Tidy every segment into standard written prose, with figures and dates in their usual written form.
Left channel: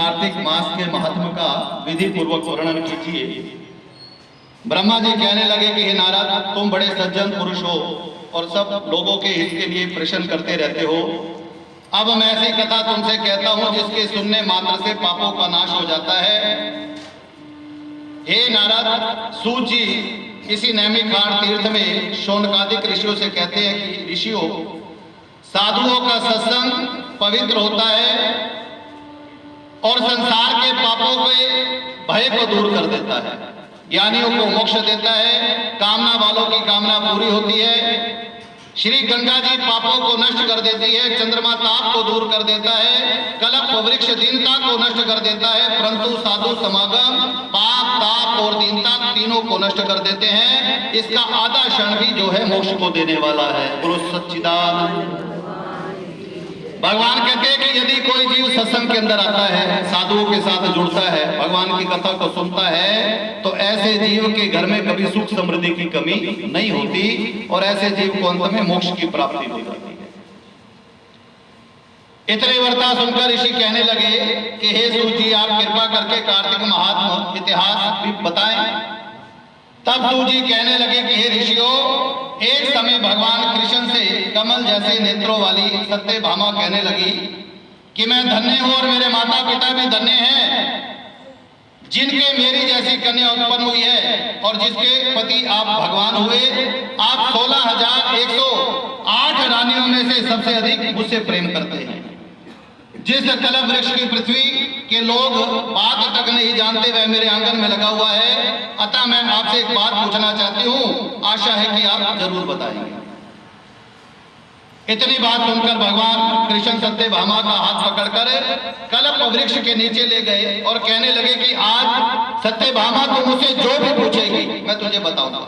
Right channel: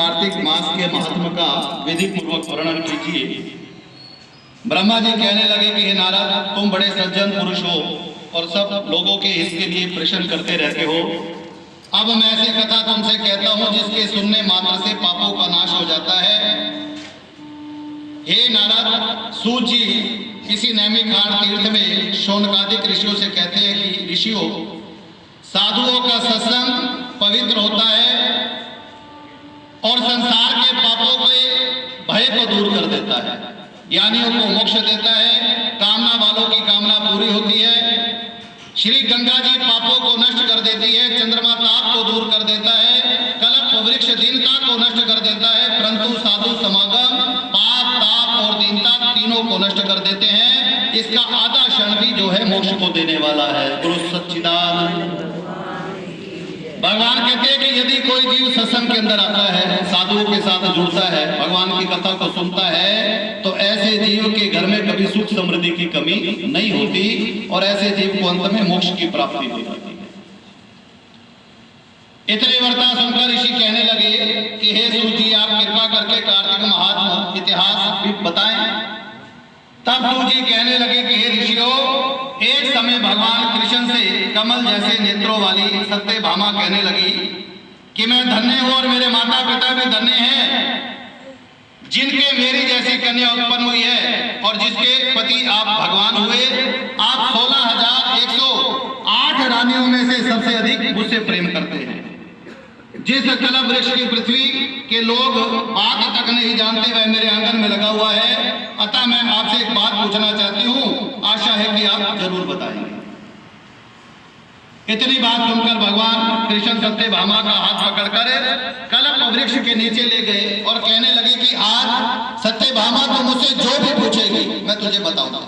कार्तिक मास के महत्व का विधि पूर्वक वर्णन कीजिए। ब्रह्मा जी कहने लगे कि हे नारद, तुम बड़े सज्जन पुरुष हो और सब लोगों के हित के लिए प्रश्न करते रहते हो। अब मैं ऐसी कथा तुमसे कहता हूं जिसके सुनने मात्र से पापों का नाश हो जाता है। हे नारद, सूत जी किसी नैमिषारण्य तीर्थ में शौनकादिक ऋषियों से कहते हैं कि ऋषियों, साधुओं का सत्संग पवित्र होता है और संसार के पापों के भय को दूर कर देता है, ज्ञानियों को मोक्ष देता है, कामना वालों की कामना पूरी होती है। श्री गंगा जी पापों को नष्ट कर देती है, चंद्रमा ताप को दूर कर देता है, कल्प वृक्ष दीनता को नष्ट कर देता है, परंतु साधु समागम पाप ताप और दीनता तीनों को नष्ट कर देते हैं। इसका आधा क्षण भी जो है मोक्ष को देने वाला है। गुरु सच्चिदानंद भगवान कहते हैं कि यदि कोई जीव सत्संग के अंदर आता है, साधुओं के साथ जुड़ता है, भगवान की कथा को सुनता है, तो ऐसे जीव के घर में कभी सुख समृद्धि की कमी नहीं होती और ऐसे जीव को अंत में मोक्ष की प्राप्ति हो जाती है। इतनी वार्ता सुनकर ऋषि कहने लगे कि हे सूत जी, आप कृपा करके कार्तिक महात्मा इतिहास भी बताएं। तब सूत जी कहने लगे कि हे ऋषियों, एक समय भगवान कृष्ण से कमल जैसे नेत्रों वाली सत्यभामा कहने लगी कि मैं धन्य हूं और मेरे माता पिता भी धन्य हैं, जिनके मेरी जैसी कन्या उत्पन्न हुई है और जिसके पति आप भगवान हुए। आप 16,108 रानियों में से सबसे अधिक मुझसे प्रेम करते हैं। जिस कल्प वृक्ष की पृथ्वी के लोग बात तक नहीं जानते वह मेरे आंगन में लगा हुआ है। अतः मैं आपसे एक बात पूछना चाहती हूँ, आशा है कि आप जरूर बताएंगे। इतनी बात सुनकर भगवान कृष्ण सत्यभामा का हाथ पकड़कर कल्प वृक्ष के नीचे ले गए और कहने लगे कि आज सत्यभामा तो मुझसे जो भी पूछेगी मैं तुझे बताऊंगा।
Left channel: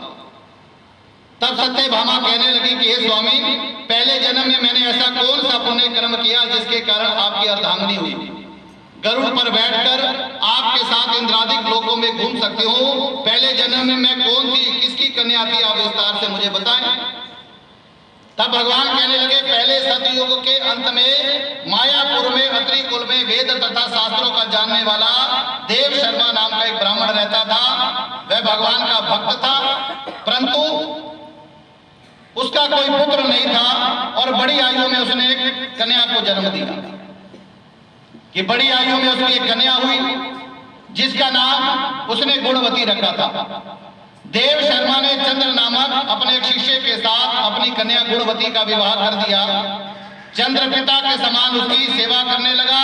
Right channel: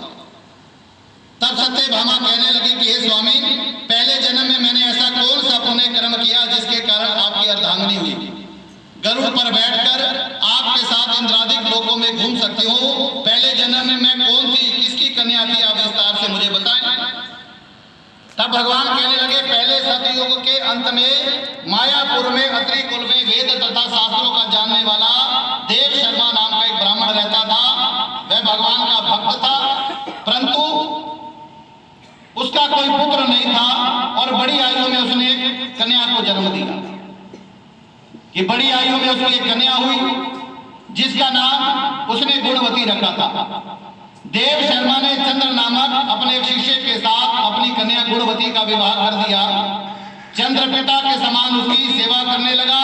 तब सत्यभामा कहने लगी कि हे स्वामी, पहले जन्म में मैंने ऐसा कौन सा पुण्य कर्म किया जिसके कारण आपकी अर्धांगिनी हुई? गरुड़ पर बैठकर आपके साथ इंद्रादिक लोकों में घूम सकती हूँ। पहले जन्म में मैं कौन थी, किसकी कन्या थी, आप विस्तार से मुझे बताएं। तब भगवान कहने लगे, पहले सतयुग के अंत में मायापुर में अत्रि कुल में वेद तथा शास्त्रों का जानने वाला देव शर्मा नाम का एक ब्राह्मण रहता था। वह भगवान का भक्त था, परंतु उसका कोई पुत्र नहीं था और बड़ी आयु में उसने एक कन्या को जन्म दिया। कि बड़ी आयु में उसकी एक कन्या हुई जिसका नाम उसने गुणवती रखा था। देव शर्मा ने चंद्र नामक अपने एक शिष्य के साथ अपनी कन्या गुणवती का विवाह कर दिया। चंद्र पिता के समान उसकी सेवा करने लगा।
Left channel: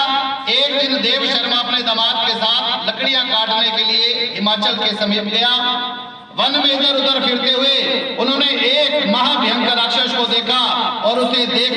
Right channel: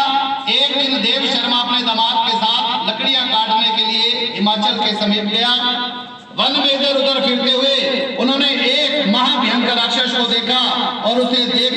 एक दिन देव शर्मा अपने दामाद के साथ लकड़ियां काटने के लिए हिमाचल के समीप गया। वन में इधर उधर फिरते हुए उन्होंने एक महाभयंकर राक्षस को देखा और उसे देख